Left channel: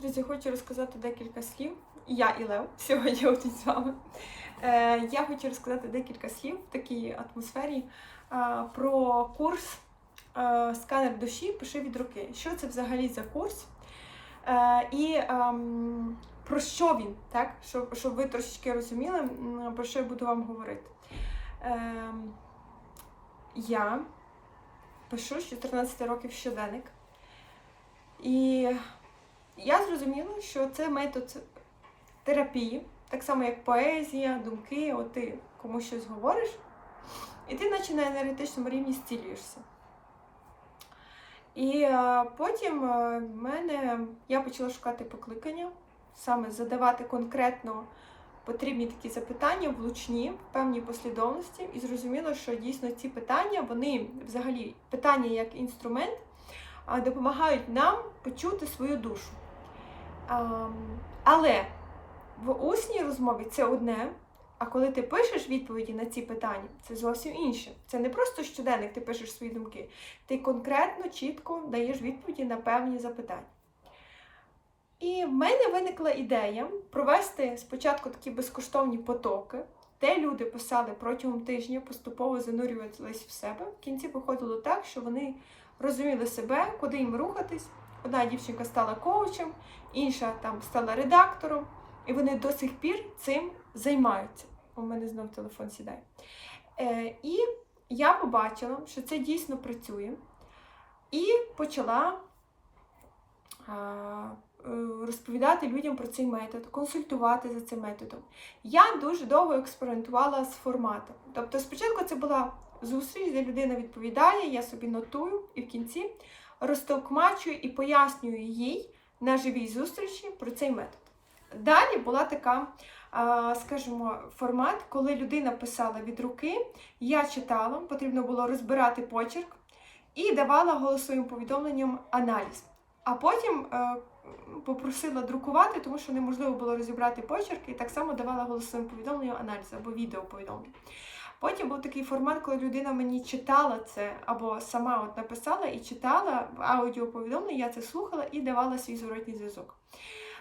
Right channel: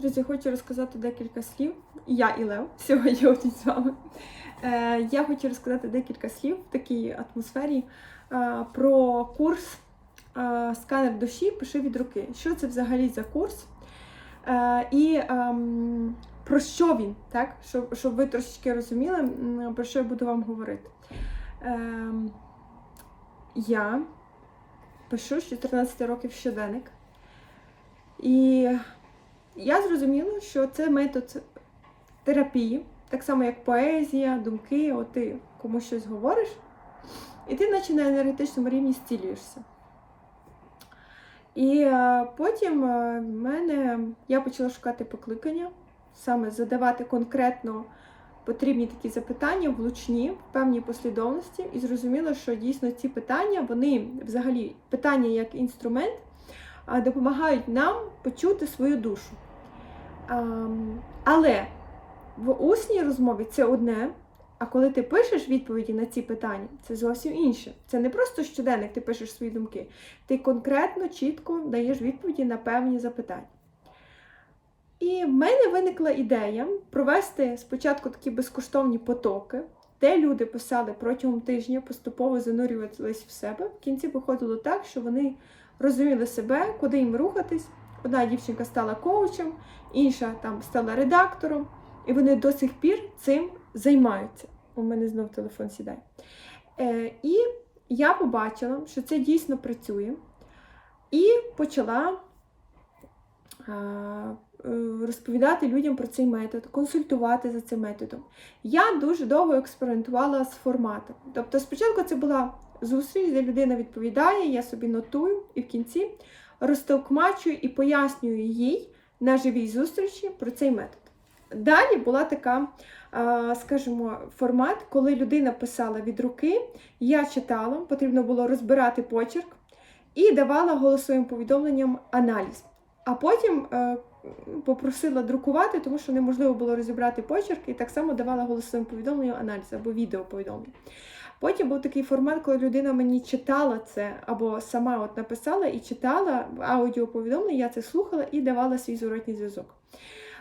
Друзі, хочу розказати декілька слів. Я і Лев сьогодні тут з вами. Е, я хочу розказати декілька слів в такій атмосфері е, про курс е, сканер душі пиши від руки. Що це взагалі за курс? Е, і ем, про що він, так? Щоб, щоб ви трошечки розуміли, про що я буду вам говорити. Ем, я пишу з 14 років щоденник. І я зрозуміла, що це метод терапії, так само як поезія, думки, от ти комусь щось говориш, і ти наче на енергетичному рівні зцілюєшся. І е, потім е, мене я почала шукати покликання, саме задавати конкретно потрібні такі запитання, влучні, в певній послідовності, і зрозуміла, що дійсно ці питання, вони взагалі питання як інструмент, допомагають нам почути свою душу. Але в усній розмові це одне, а коли ти пишеш відповіді на ці питання, це зовсім інше. Це не просто щоденник, ти пишеш свої думки. Ти конкретно, чітко даєш відповіді на певні запитання. І в мене виникла ідея провести спочатку такі безкоштовні потоки, де люди писали протягом тижня, поступово занурювалися в себе. В кінці виходило так, що вони розуміли себе, куди їм рухатись. Одна дівчинка стала коучем, інша там стала редактором, і вони до сих пір цим займаються. У мене знов телефон сідає. Е, і я побачила, що це дійсно працює, і почала е, е, розповідати людям про цей метод, консультувати за цим методом. Я дуже довго експериментувала з форматом. Тобто, спочатку це була зустріч, де людина відповідає, я собі нотую, і в кінці розтовкмачую і пояснюю їй на живій зустрічі про цей метод. Далі була така, скажімо, формат, коли людина писала від руки, я читала, потрібно було розбирати почерк і давала голосовим повідомленням аналіз. А потім е, попросила друкувати, тому що неможливо було розібрати почерк, і так само давала голосовим повідомленням аналіз або відеоповідомлення. Потім був такий формат, коли людина мені читала це, або сама от написала і читала аудіоповідомлення, я це слухала і давала свій зворотній зв'язок.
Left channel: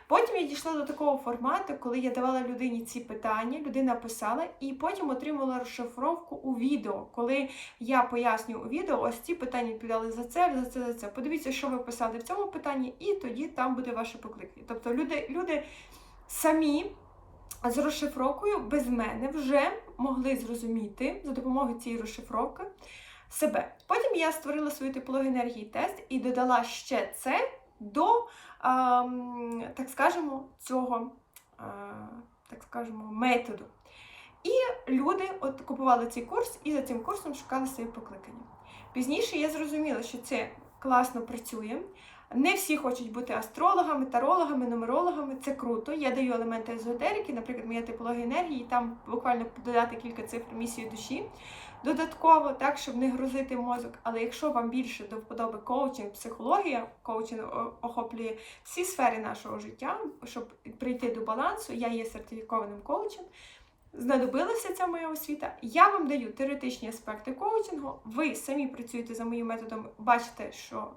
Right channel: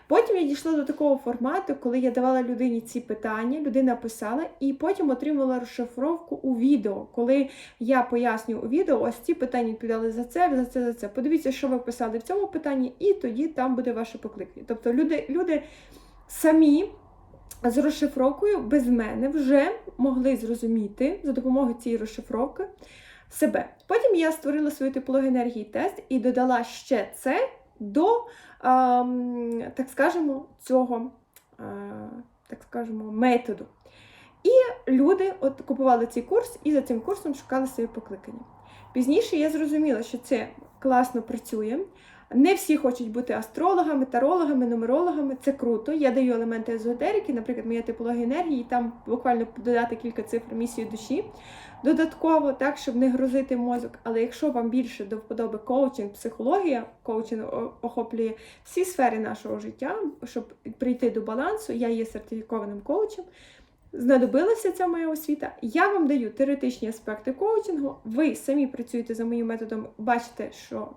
Потім я дійшла до такого формату, коли я давала людині ці питання, людина писала, і потім отримала розшифровку у відео, коли я пояснюю у відео, ось ці питання відповідали за це, за це, за це. Подивіться, що ви писали в цьому питанні, і тоді там буде ваше покликання. Тобто люди, люди самі з розшифровкою без мене вже могли зрозуміти за допомогою цієї розшифровки себе. Потім я створила свою типологію енергії тест і додала ще це до, ем, так скажемо, цього е, так скажемо, методу. І люди от купували цей курс і за цим курсом шукали своє покликання. Пізніше я зрозуміла, що це класно працює. Не всі хочуть бути астрологами, тарологами, нумерологами. Це круто. Я даю елементи езотерики, наприклад, моя типологія енергії, там буквально додати кілька цифр місії душі додатково, так, щоб не грузити мозок. Але якщо вам більше до вподоби коучинг, психологія, коучинг охоплює всі сфери нашого життя, щоб прийти до балансу, я є сертифікованим коучем. Знадобилася ця моя освіта. Я вам даю теоретичні аспекти коучингу. Ви самі працюєте за моїм методом, бачите, що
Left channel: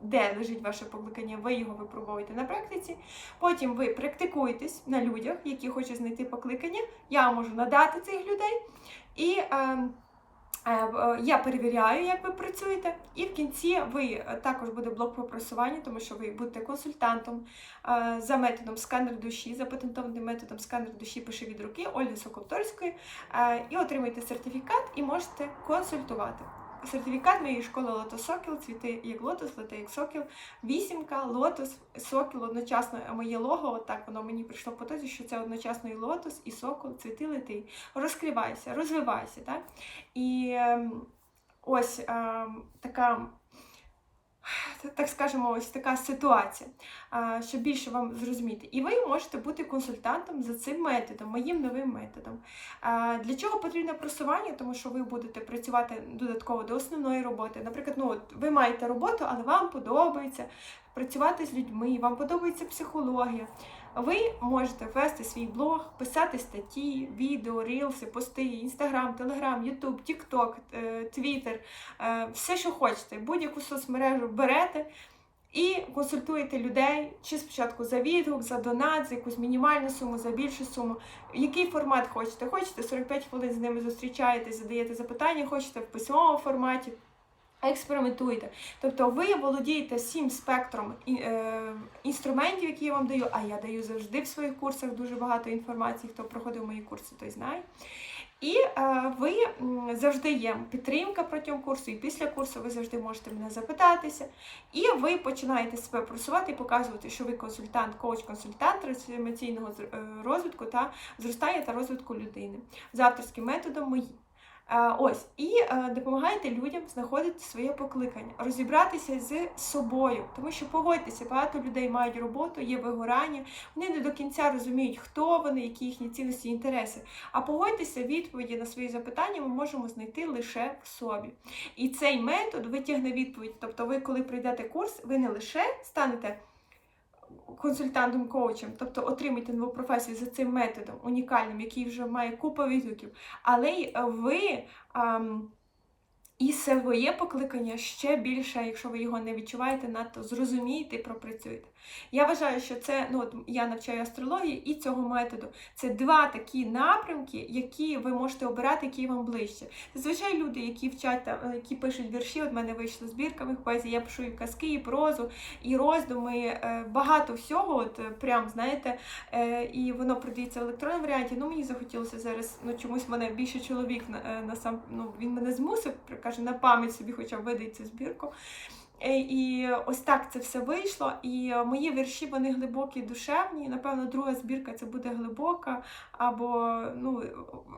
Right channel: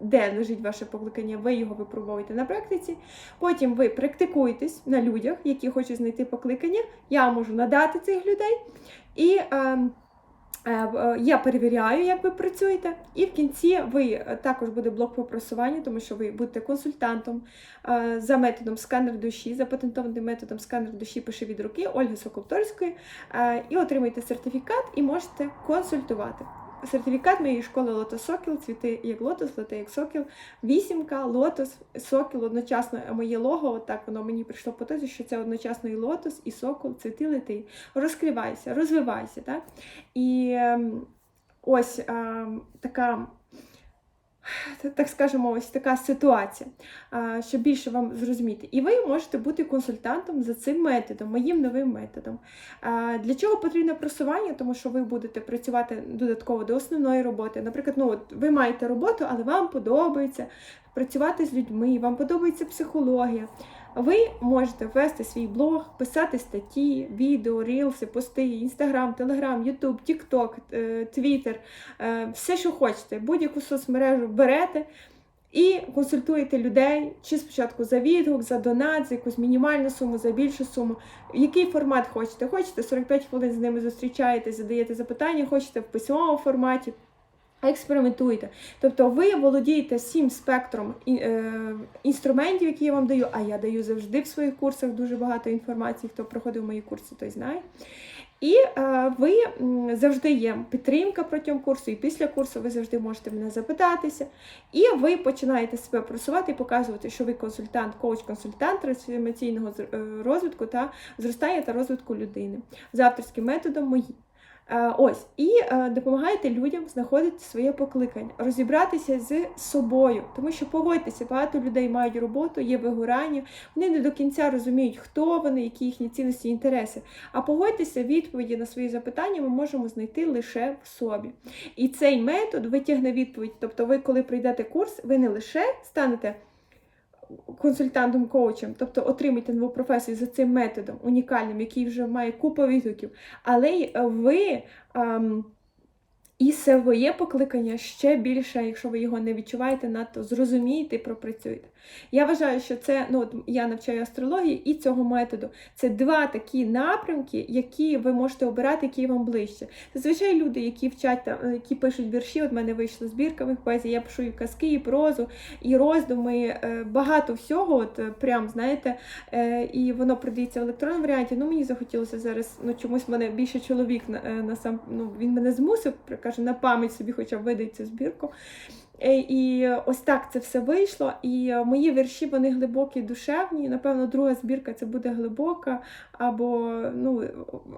де лежить ваше покликання, ви його випробовуєте на практиці. Потім ви практикуєтесь на людях, які хочуть знайти покликання. Я можу надати цих людей. І е, е, я перевіряю, як ви працюєте. І в кінці ви е, також буде блок по просуванню, тому що ви будете консультантом е, за методом сканер душі, запатентованим методом сканер душі пиши від руки Ольги Соколторської, е, і отримаєте сертифікат і можете консультувати. Сертифікат моєї школи Лотос Сокіл, цвіти як лотос, лети як сокіл, вісімка, лотос, сокіл, одночасно моє лого, Отак так воно мені прийшло по тезі, що це одночасно і лотос, і сокол, цвіти, лети. Розкривайся, розвивайся. Так? І ем, ось а, така. Так скажемо, ось така ситуація, щоб більше вам зрозуміти. І ви можете бути консультантом за цим методом, моїм новим методом. Для чого потрібне просування? Тому що ви будете працювати додатково до основної роботи. Наприклад, ну, от ви маєте роботу, але вам подобається працювати з людьми, вам подобається психологія. Ви можете вести свій блог, писати статті, відео, рілси, пости, інстаграм, телеграм, ютуб, тікток, твіттер, все, що хочете, будь-яку соцмережу берете І консультуєте людей, чи спочатку за відгук, за донат, за якусь мінімальну суму, за більшу суму. Який формат хочете? Хочете 45 хвилин з ними зустрічаєтесь, задаєте запитання, хочете в письмовому форматі. Експериментуйте. Тобто ви володієте всім спектром е, інструментів, які я вам даю, а я даю завжди в своїх курсах дуже багато інформації. Хто проходив мої курси, той знає. І е, ви завжди є підтримка протягом курсу, і після курсу ви завжди можете мене запитатися. І ви починаєте себе просувати і показувати, що ви консультант, коуч-консультант трансформаційного е, розвитку та зростання та розвитку людини за авторським методом мої. Ось і е, допомагаєте людям знаходити своє покликання, розібратися з собою, тому що погодьтеся, багато людей мають роботу, є вигорання, вони не до кінця розуміють, хто вони, які їхні цінності і інтереси. А погодьтеся, відповіді на свої запитання ми можемо знайти лише в собі. І цей метод витягне відповідь. Тобто, ви, коли пройдете курс, ви не лише станете консультантом коучем, тобто отримайте нову професію за цим методом унікальним, який вже має купу відгуків, але ви. ам, і своє покликання ще більше, якщо ви його не відчуваєте, надто зрозумієте і пропрацюєте. Я вважаю, що це ну от я навчаю астрології і цього методу. Це два такі напрямки, які ви можете обирати, які вам ближче. Зазвичай люди, які вчать е, які пишуть вірші, от мене вийшла збірка моїх поезій, я пишу і казки, і прозу, і роздуми, е, багато всього. От е, прям знаєте, і воно продається в електронному варіанті. Ну мені захотілося зараз. Ну чомусь мене більше чоловік на, на сам ну він мене змусив, каже, на пам'ять собі, хоча б видай цю збірку. Е, І ось так це все вийшло. І мої вірші вони глибокі, душевні. Напевно, друга збірка це буде глибока, або ну,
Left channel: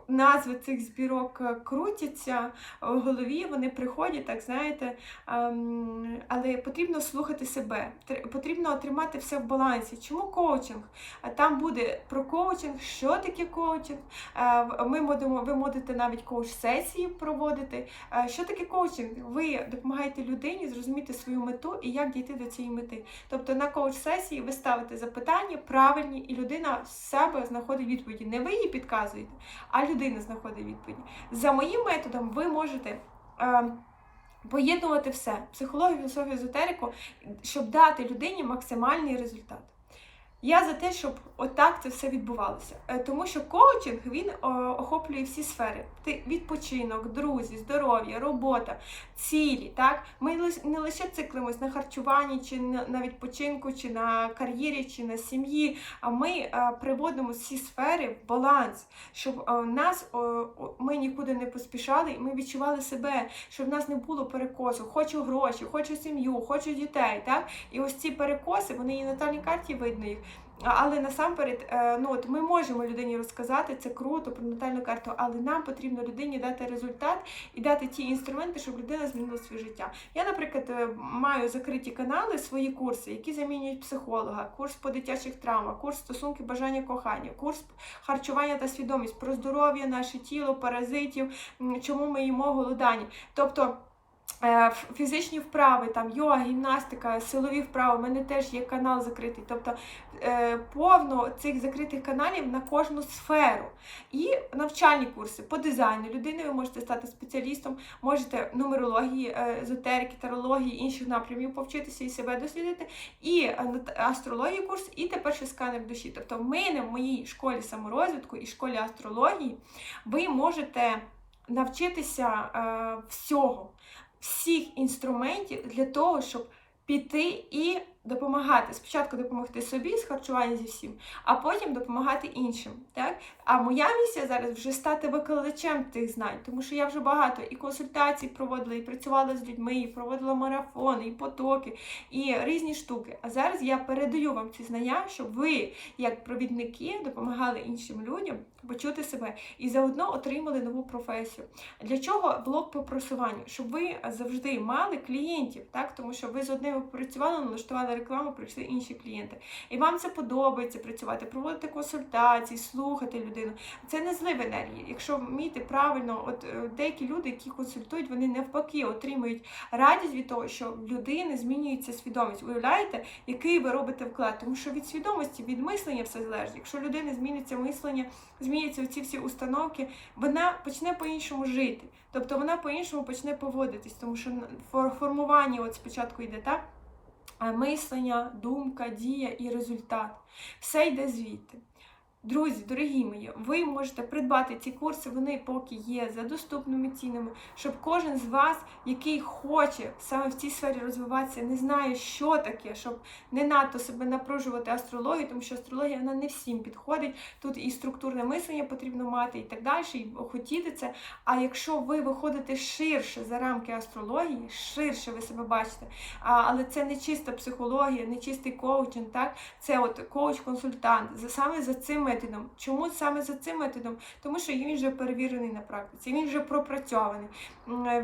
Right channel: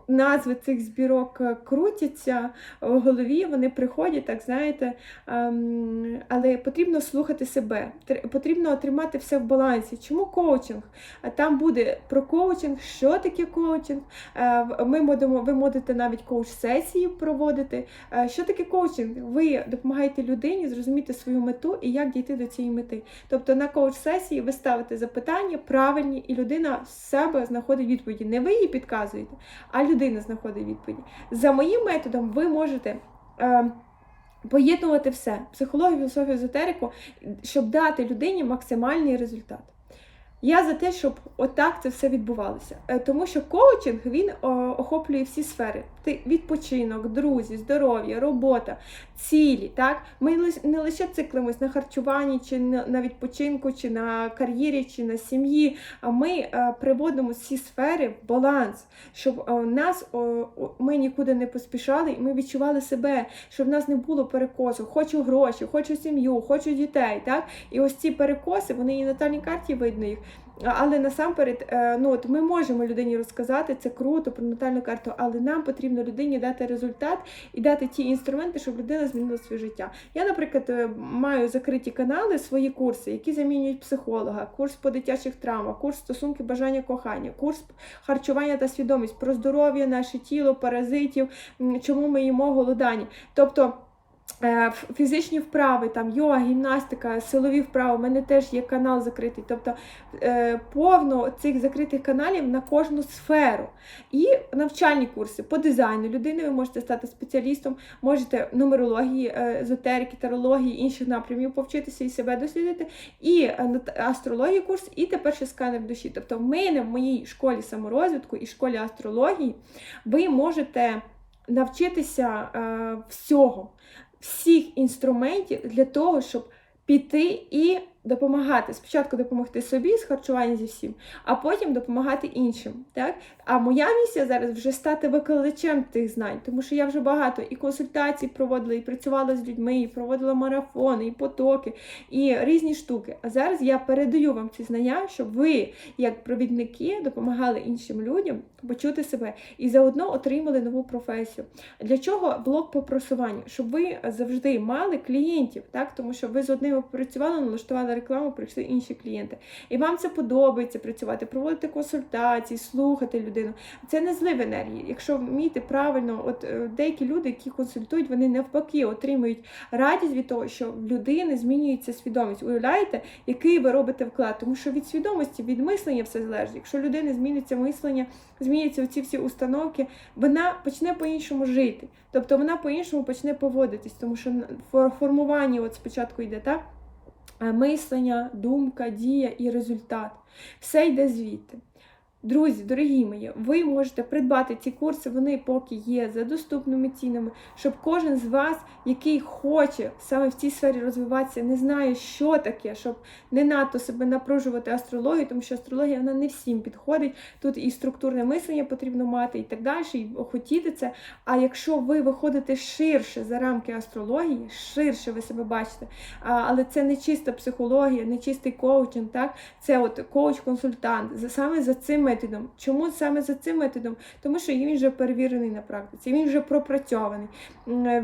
назви цих збірок крутяться в голові, вони приходять, так знаєте. ем, Але потрібно слухати себе, потрібно тримати все в балансі. Чому коучинг? Там буде про коучинг, що таке коучинг. Е, Ми будемо, ви можете навіть коуч-сесії проводити. Е, Що таке коучинг? Ви допомагаєте людині зрозуміти свою мету і як дійти до цієї мети. Тобто на коуч-сесії ви ставите запитання правильні, і людина з себе знаходить відповіді. Не ви її підказуєте, а людина знаходить відповіді. За моїм методом ви можете. е, Поєднувати все психологію, філософію, езотерику, щоб дати людині максимальний результат. Я за те, щоб отак це все відбувалося. Е, Тому що коучинг він охоплює всі сфери: Ти- відпочинок, друзі, здоров'я, робота, цілі. Так? Ми не лише циклимось на харчуванні, чи на, відпочинку, чи на кар'єрі, чи на сім'ї. А ми е, приводимо всі сфери в баланс, щоб е, нас ми нікуди не поспішали, і ми відчували себе, щоб в нас не було перекосу. Хочу гроші, хочу сім'ю, хочу дітей. Так? І ось ці перекоси, вони і на натальній карті видно їх. Але насамперед, е, ну от ми можемо людині розказати це круто про натальну карту, але нам потрібно людині дати результат і дати ті інструменти, щоб людина змінила своє життя. Я, наприклад, е, маю закриті канали, свої курси, які замінюють психолога, курс по дитячих травмах, курс стосунки бажання кохання, курс харчування та свідомість про здоров'я, наше тіло, паразитів, чому ми їмо голодані. Тобто. Е, Фізичні вправи, там йога, гімнастика, силові вправи. У мене теж є канал закритий. Тобто е, повно цих закритих каналів на кожну сферу. І навчальні курси по дизайну людини. Ви можете стати спеціалістом, можете нумерології, е, езотерики, тарології, інших напрямів повчитися і себе дослідити. І астрології курс, і тепер ще сканер душі. Тобто, в мене в моїй школі саморозвитку і школі астрології ви можете навчитися е, всього, всіх інструментів для того, щоб піти і допомагати. Спочатку допомогти собі з харчування зі всім, а потім допомагати іншим. Так? А моя місія зараз вже стати викладачем тих знань, тому що я вже багато і консультацій проводила, і працювала з людьми, і проводила марафони, і потоки, і різні штуки. А зараз я передаю вам ці знання, щоб ви, як провідники, допомагали іншим людям почути себе і заодно отримали нову професію. Для чого блок по просуванню? Щоб ви завжди мали клієнтів, так? тому що ви з одними попрацювали, налаштували рекламу, прийшли інші клієнти. І вам це подобається працювати, проводити консультації, слухати людину. Це не злив енергії. Якщо вміти правильно, от е, деякі люди, які консультують, вони навпаки отримують радість від того, що в людини змінюється свідомість. Уявляєте, який ви робите вклад? Тому що від свідомості, від мислення все залежить. Якщо людини зміниться мислення, зміняться ці всі установки, вона почне по-іншому жити. Тобто вона по-іншому почне поводитись, тому що формування от спочатку йде так. Мислення, думка, дія і результат. Все йде звідти. Друзі, дорогі мої, ви можете придбати ці курси, вони поки є за доступними цінами, щоб кожен з вас, який хоче саме в цій сфері розвиватися, не знає, що таке, щоб не надто себе напружувати астрологію, тому що астрологія вона не всім підходить. Тут і структурне мислення потрібно мати, і так далі, і хотіти це. А якщо ви виходите ширше за рамки астрології, ширше ви себе бачите, але це не чиста психологія, не чистий коучинг, так? Це от коуч-консультант. Саме за цим методом. Чому саме за цим методом? Тому що він вже перевірений на практиці, він вже пропрацьований,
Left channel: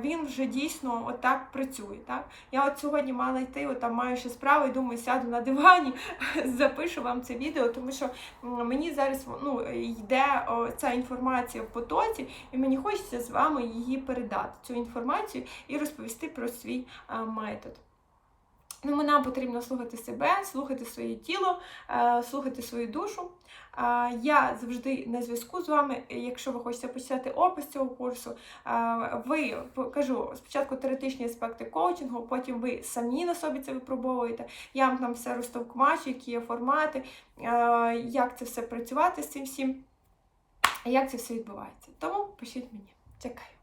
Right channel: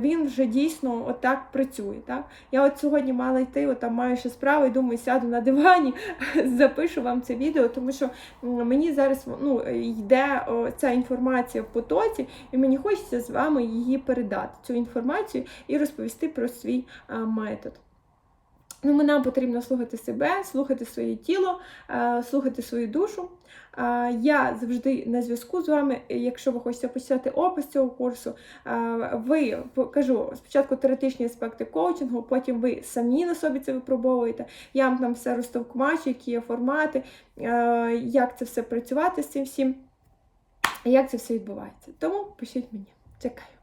він вже дійсно отак працює. Так? Я от сьогодні мала йти, от там маю ще справу, і думаю, сяду на дивані, запишу вам це відео, тому що мені зараз ну, йде ця інформація в потоці, і мені хочеться з вами її передати, цю інформацію і розповісти про свій метод. Ну, нам потрібно слухати себе, слухати своє тіло, е, слухати свою душу. Е, Я завжди на зв'язку з вами. Якщо ви хочете почитати опис цього курсу, е, ви покажу спочатку теоретичні аспекти коучингу, потім ви самі на собі це випробовуєте. Я вам там все розтовкмачу, які є формати, як це все працювати з цим всім, як це все відбувається. Тому пишіть мені. Чекаю.